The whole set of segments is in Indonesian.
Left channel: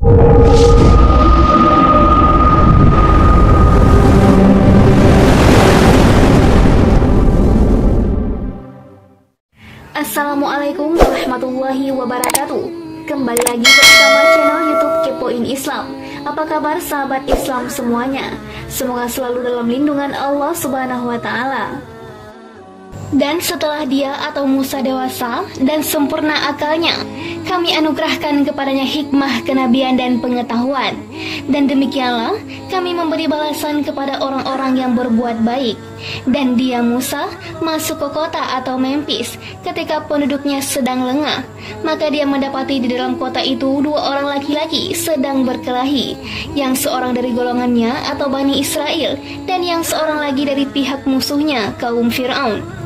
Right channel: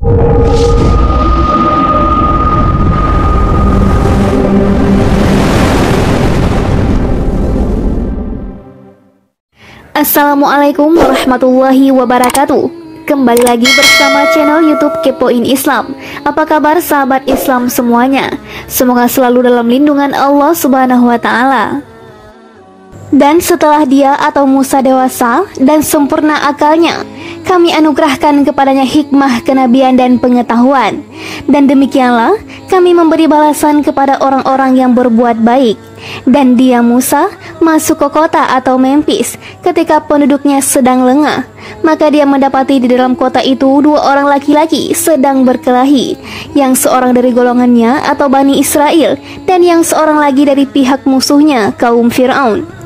Assalamualaikum warahmatullahi wabarakatuh. Kembali lagi bersama channel YouTube Kepoin Islam. Apa kabar sahabat Islam semuanya? Semoga selalu dalam lindungan Allah Subhanahu wa Ta'ala. Dan setelah dia atau Musa dewasa dan sempurna akalnya, kami anugerahkan kepadanya hikmah, kenabian, dan pengetahuan. Dan demikianlah kami memberi balasan kepada orang-orang yang berbuat baik. Dan dia Musa masuk ke kota atau Memphis ketika penduduknya sedang lengah. Maka dia mendapati di dalam kota itu dua orang laki-laki sedang berkelahi, yang seorang dari golongannya atau Bani Israel, dan yang seorang lagi dari pihak musuhnya, kaum Fir'aun.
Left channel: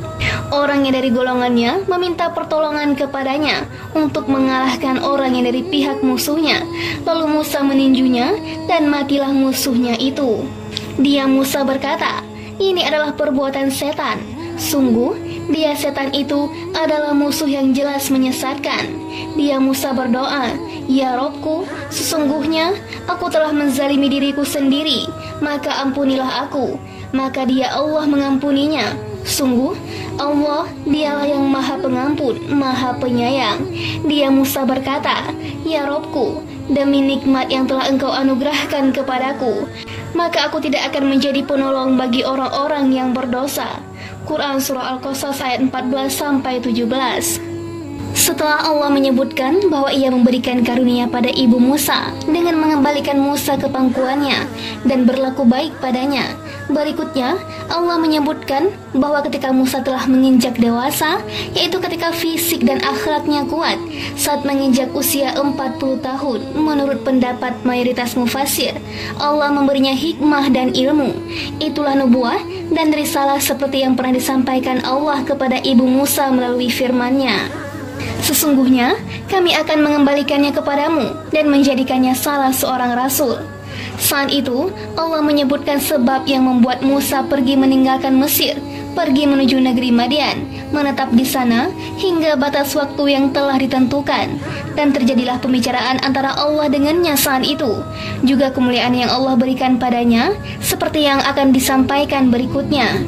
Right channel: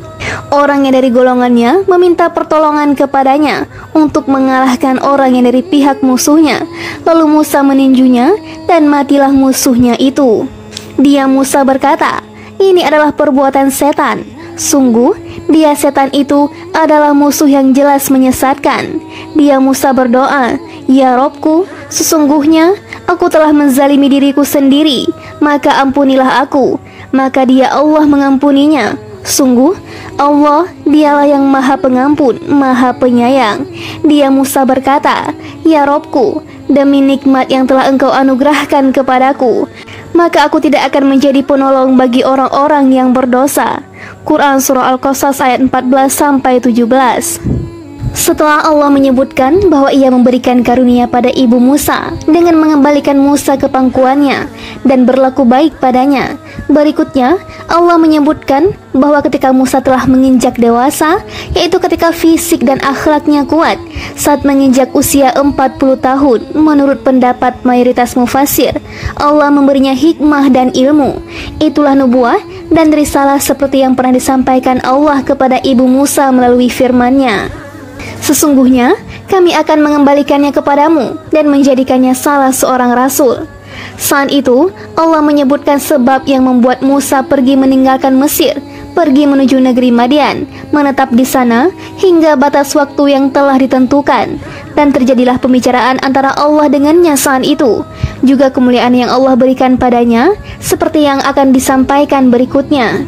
Orang yang dari golongannya meminta pertolongan kepadanya untuk mengalahkan orang yang dari pihak musuhnya. Lalu Musa meninjunya dan matilah musuhnya itu. Dia Musa berkata, "Ini adalah perbuatan setan. Sungguh, dia setan itu adalah musuh yang jelas menyesatkan." Dia Musa berdoa, "Ya Robku, sesungguhnya aku telah menzalimi diriku sendiri, maka ampunilah aku." Maka dia Allah mengampuninya. Sungguh, Allah dialah yang maha pengampun, maha penyayang. Dia Musa berkata, "Ya Robku, demi nikmat yang telah engkau anugerahkan kepadaku, maka aku tidak akan menjadi penolong bagi orang-orang yang berdosa." Quran Surah Al-Qasas ayat 14-17. Setelah Allah menyebutkan bahwa ia memberikan karunia pada ibu Musa dengan mengembalikan Musa ke pangkuannya dan berlaku baik padanya, berikutnya Allah menyebutkan bahwa ketika Musa telah menginjak dewasa, yaitu ketika fisik dan akhlaknya kuat, saat menginjak usia 40 tahun, menurut pendapat mayoritas mufassir, Allah memberinya hikmah dan ilmu. Itulah nubuah dan risalah seperti yang pernah disampaikan Allah kepada ibu Musa melalui firman-Nya. "Sesungguhnya kami akan mengembalikannya kepadamu dan menjadikannya salah seorang rasul." Saat itu Allah menyebutkan sebab yang membuat Musa pergi meninggalkan Mesir, pergi menuju negeri Madian, menetap di sana hingga batas waktu yang telah ditentukan. Dan terjadilah pembicaraan antara Allah dengannya saat itu, juga kemuliaan yang Allah berikan padanya, seperti yang akan disampaikan berikutnya.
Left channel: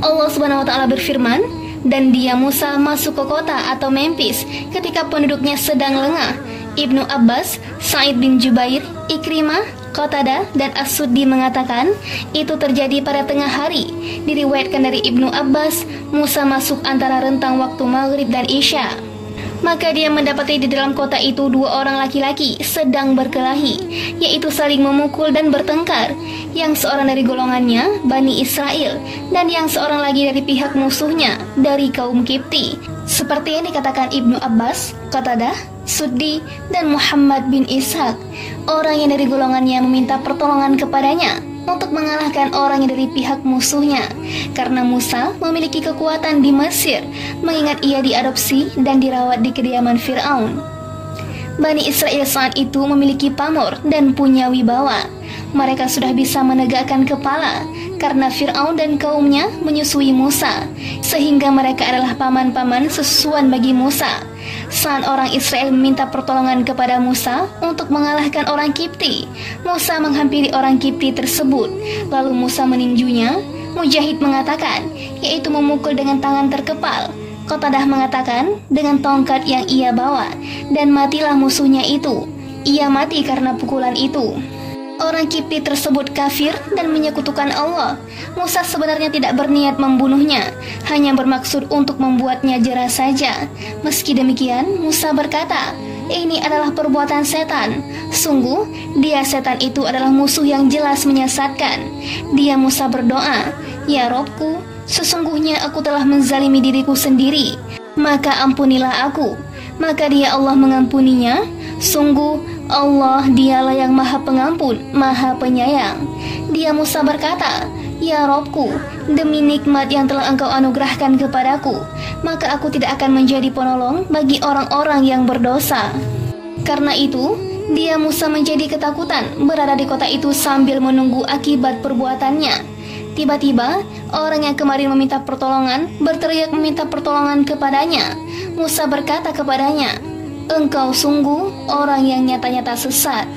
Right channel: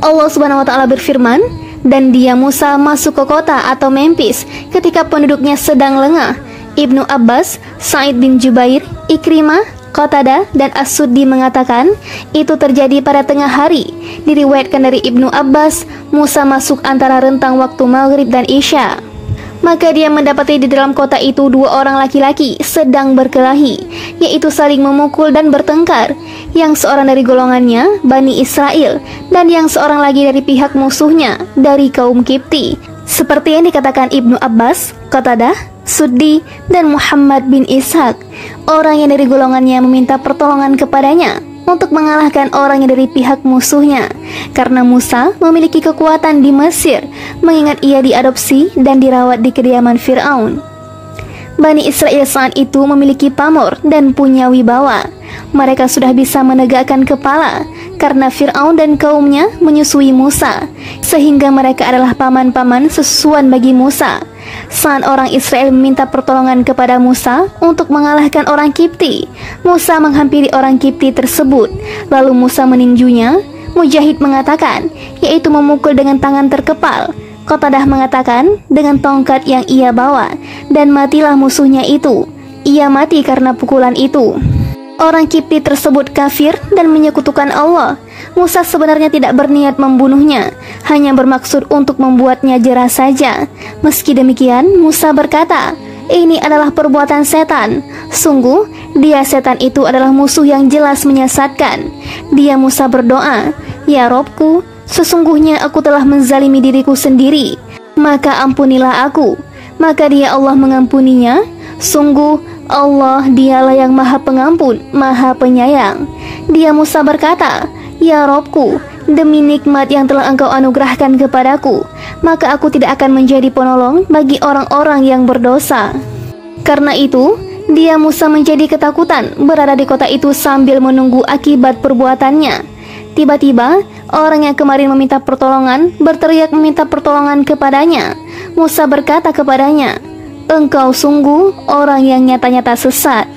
Allah Subhanahu wa Ta'ala berfirman, "Dan dia Musa masuk ke kota atau Memphis ketika penduduknya sedang lengah." Ibnu Abbas, Sa'id bin Jubair, Ikrimah, Qatadah, dan As-Suddi mengatakan itu terjadi pada tengah hari. Diriwayatkan dari Ibnu Abbas, Musa masuk antara rentang waktu Maghrib dan Isya. Maka dia mendapati di dalam kota itu dua orang laki-laki sedang berkelahi, yaitu saling memukul dan bertengkar, yang seorang dari golongannya, Bani Israel, dan yang seorang lagi dari pihak musuhnya, dari kaum Kipti. Seperti yang dikatakan Ibnu Abbas, Qatadah, Suddi, dan Muhammad bin Ishaq. Orang yang dari golongannya meminta pertolongan kepadanya untuk mengalahkan orang yang dari pihak musuhnya, karena Musa memiliki kekuatan di Mesir, mengingat ia diadopsi dan dirawat di kediaman Fir'aun. Bani Israel saat itu memiliki pamor dan punya wibawa. Mereka sudah bisa menegakkan kepala karena Fir'aun dan kaumnya menyusui Musa, sehingga mereka adalah paman-paman sesusuan bagi Musa. Saat orang Israel meminta pertolongan kepada Musa untuk mengalahkan orang Kipti, Musa menghampiri orang Kipti tersebut. Lalu Musa meninjunya. Mujahid mengatakan, yaitu memukul dengan tangan terkepal. Qatadah mengatakan dengan tongkat yang ia bawa, dan matilah musuhnya itu. Ia mati karena pukulan itu. Orang Kipti tersebut kafir dan menyekutukan Allah. Musa sebenarnya tidak berniat membunuhnya, hanya bermaksud untuk membuatnya jera saja. Meski demikian, Musa berkata, "Ini adalah perbuatan setan. Sungguh, dia setan itu adalah musuh yang jelas menyesatkan." Dia Musa berdoa, "Ya Robku, sesungguhnya aku telah menzalimi diriku sendiri, maka ampunilah aku." Maka dia Allah mengampuninya. Sungguh, Allah dialah yang maha pengampun, maha penyayang. Dia Musa berkata, "Ya Robku, demi nikmat yang telah engkau anugerahkan kepadaku, maka aku tidak akan menjadi penolong bagi orang-orang yang berdosa." Karena itu, dia Musa menjadi ketakutan berada di kota itu sambil menunggu akibat perbuatannya. Tiba-tiba, orang yang kemarin meminta pertolongan berteriak meminta pertolongan kepadanya. Musa berkata kepadanya, engkau sungguh orang yang nyata-nyata sesat.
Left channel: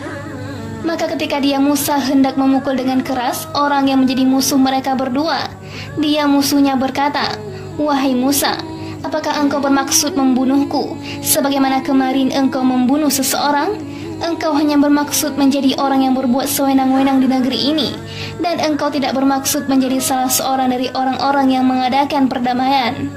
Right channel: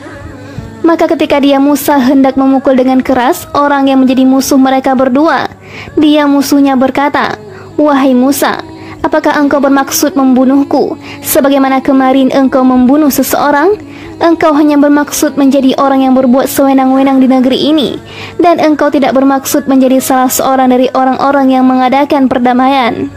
Maka ketika dia Musa hendak memukul dengan keras orang yang menjadi musuh mereka berdua, dia musuhnya berkata, "Wahai Musa, apakah engkau bermaksud membunuhku sebagaimana kemarin engkau membunuh seseorang? Engkau hanya bermaksud menjadi orang yang berbuat sewenang-wenang di negeri ini, dan engkau tidak bermaksud menjadi salah seorang dari orang-orang yang mengadakan perdamaian."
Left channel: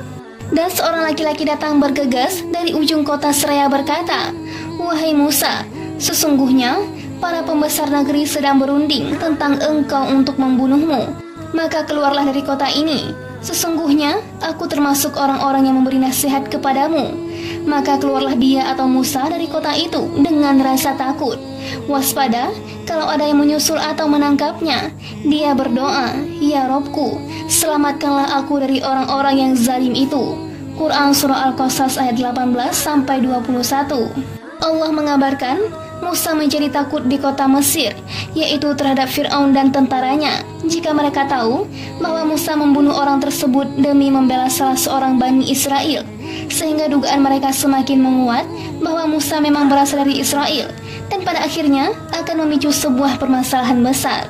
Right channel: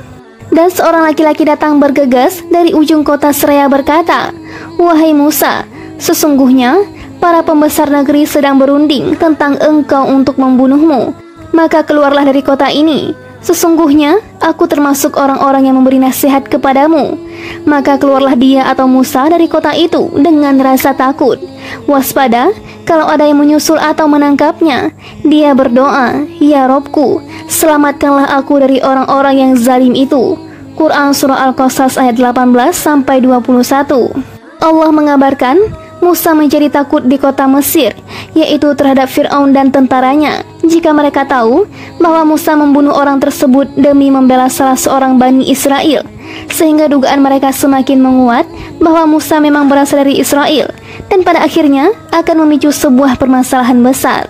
Dan seorang laki-laki datang bergegas dari ujung kota seraya berkata, "Wahai Musa, sesungguhnya para pembesar negeri sedang berunding tentang engkau untuk membunuhmu. Maka keluarlah dari kota ini. Sesungguhnya aku termasuk orang-orang yang memberi nasihat kepadamu." Maka keluarlah dia atau Musa dari kota itu dengan rasa takut. Waspada kalau ada yang menyusul atau menangkapnya. Dia berdoa, "Ya Robku, selamatkanlah aku dari orang-orang yang zalim itu." Quran Surah Al-Qasas ayat 18-21. Allah mengabarkan Musa menjadi takut di kota Mesir, yaitu terhadap Fir'aun dan tentaranya, jika mereka tahu bahwa Musa membunuh orang tersebut demi membela salah seorang Bani Israel, sehingga dugaan mereka semakin menguat bahwa Musa memang berasal dari Israel, dan pada akhirnya akan memicu sebuah permasalahan besar.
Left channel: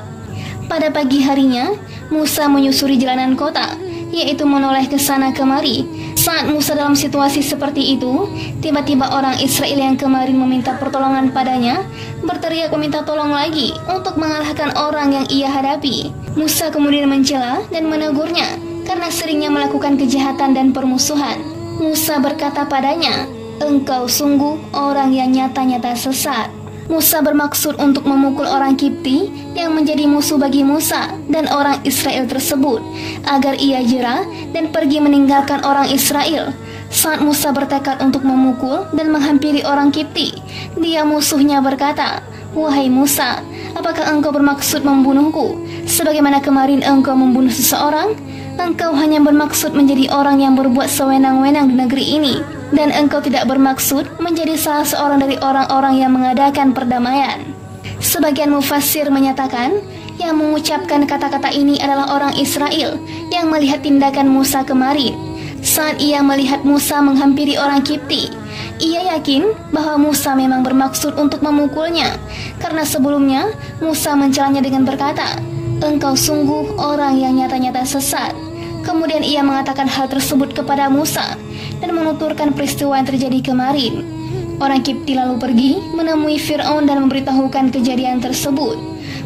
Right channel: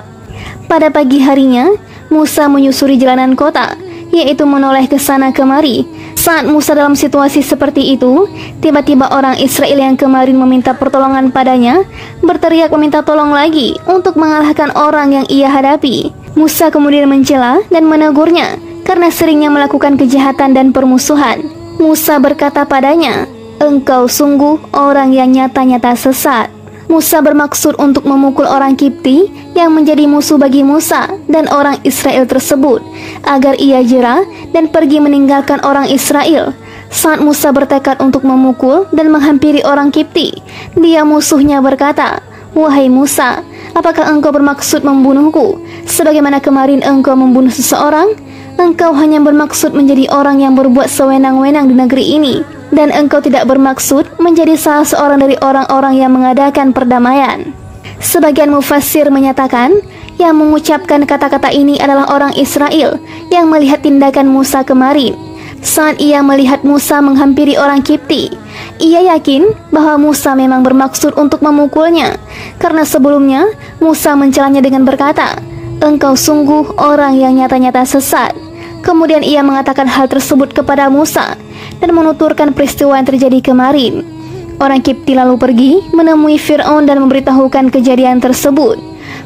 Pada pagi harinya, Musa menyusuri jalanan kota, yaitu menoleh ke sana kemari. Saat Musa dalam situasi seperti itu, tiba-tiba orang Israel yang kemarin meminta pertolongan padanya berteriak meminta tolong lagi untuk mengalahkan orang yang ia hadapi. Musa kemudian mencela dan menegurnya karena seringnya melakukan kejahatan dan permusuhan. Musa berkata padanya, "Engkau sungguh orang yang nyata-nyata sesat." Musa bermaksud untuk memukul orang Kipti yang menjadi musuh bagi Musa dan orang Israel tersebut, agar ia jera dan pergi meninggalkan orang Israel. Saat Musa bertekad untuk memukul dan menghampiri orang Kipti, dia musuhnya berkata, "Wahai Musa, apakah engkau bermaksud membunuhku sebagaimana kemarin engkau membunuh seseorang? Engkau hanya bermaksud menjadi orang yang berbuat sewenang-wenang di negeri ini, dan engkau tidak bermaksud menjadi salah seorang dari orang-orang yang mengadakan perdamaian." Sebagian mufassir menyatakan yang mengucapkan kata-kata ini adalah orang Israel yang melihat tindakan Musa kemarin. Saat ia melihat Musa menghampiri orang Kipti, ia yakin bahwa Musa memang bermaksud untuk memukulnya, karena sebelumnya Musa mencelanya dengan berkata, "Engkau sungguh orang yang nyata-nyata sesat." Kemudian ia mengatakan hal tersebut kepada Musa dan menuturkan peristiwa yang terjadi kemarin. Orang Kipti lalu pergi menemui Fir'aun dan memberitahukan kejadian tersebut.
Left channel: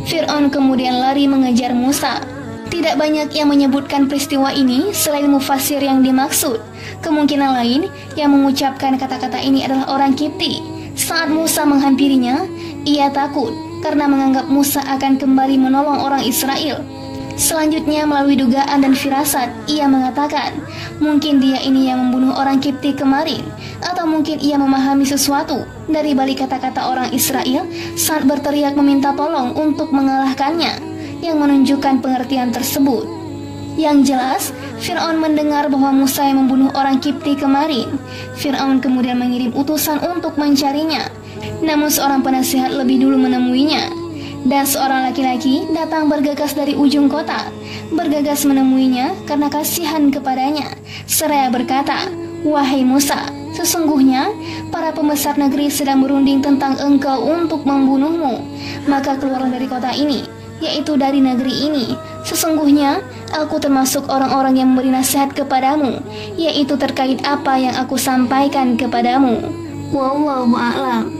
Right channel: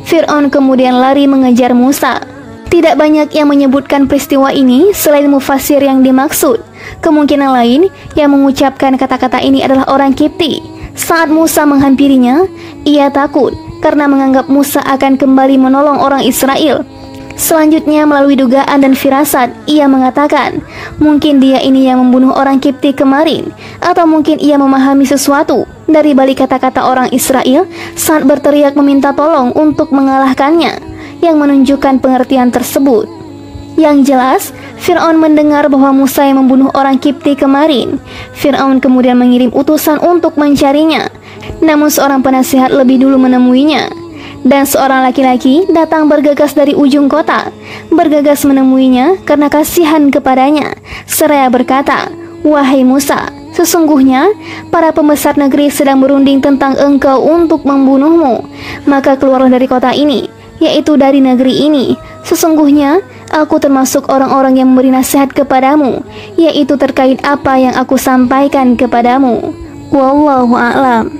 Fir'aun kemudian lari mengejar Musa. Tidak banyak yang menyebutkan peristiwa ini selain mufassir yang dimaksud. Kemungkinan lain yang mengucapkan kata-kata ini adalah orang Kipti. Saat Musa menghampirinya, ia takut karena menganggap Musa akan kembali menolong orang Israel. Selanjutnya melalui dugaan dan firasat, ia mengatakan, mungkin dia ini yang membunuh orang Kipti kemarin, atau mungkin ia memahami sesuatu dari balik kata-kata orang Israel saat berteriak meminta tolong untuk mengalahkannya, yang menunjukkan pengertian tersebut. Yang jelas, Fir'aun mendengar bahwa Musa yang membunuh orang Kipti kemarin. Fir'aun kemudian mengirim utusan untuk mencarinya, namun seorang penasihat lebih dulu menemuinya. Dan seorang laki-laki datang bergegas dari ujung kota, bergegas menemuinya karena kasihan kepadanya, seraya berkata, "Wahai Musa, sesungguhnya para pembesar negeri sedang berunding tentang engkau untuk membunuhmu. Maka keluarlah dari kota ini, yaitu dari negeri ini. Sesungguhnya aku termasuk orang-orang yang memberi nasihat kepadamu, yaitu terkait apa yang aku sampaikan kepadamu." Wallahu a'lam.